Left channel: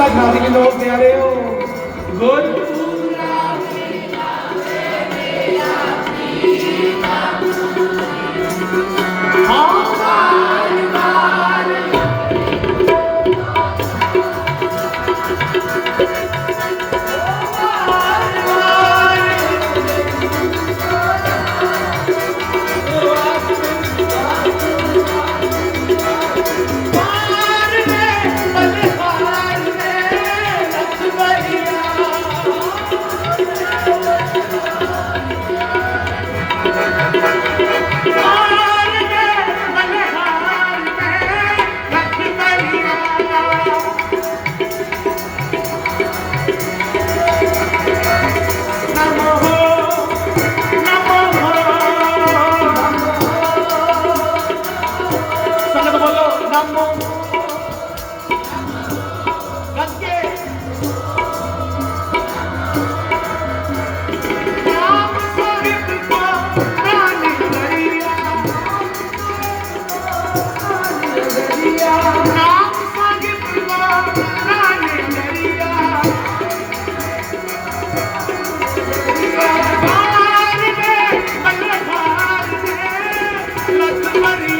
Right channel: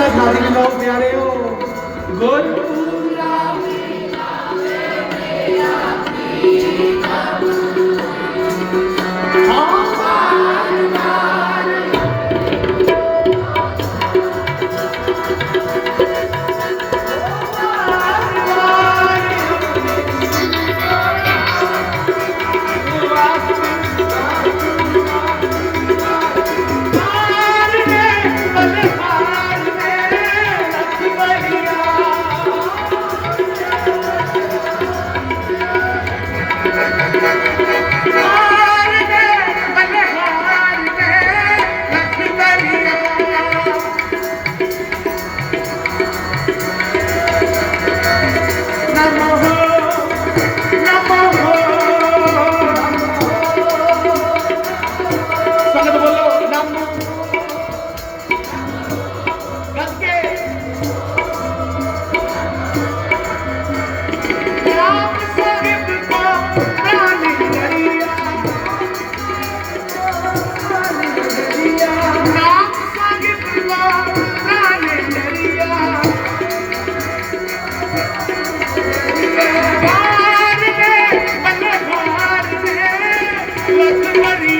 ਮੇਰਾ ਖਾਦੀ ਕੇ ਲੋਕ ਪਿਆਰਿਓ ਹੋ ਸੰਗਤ Maria.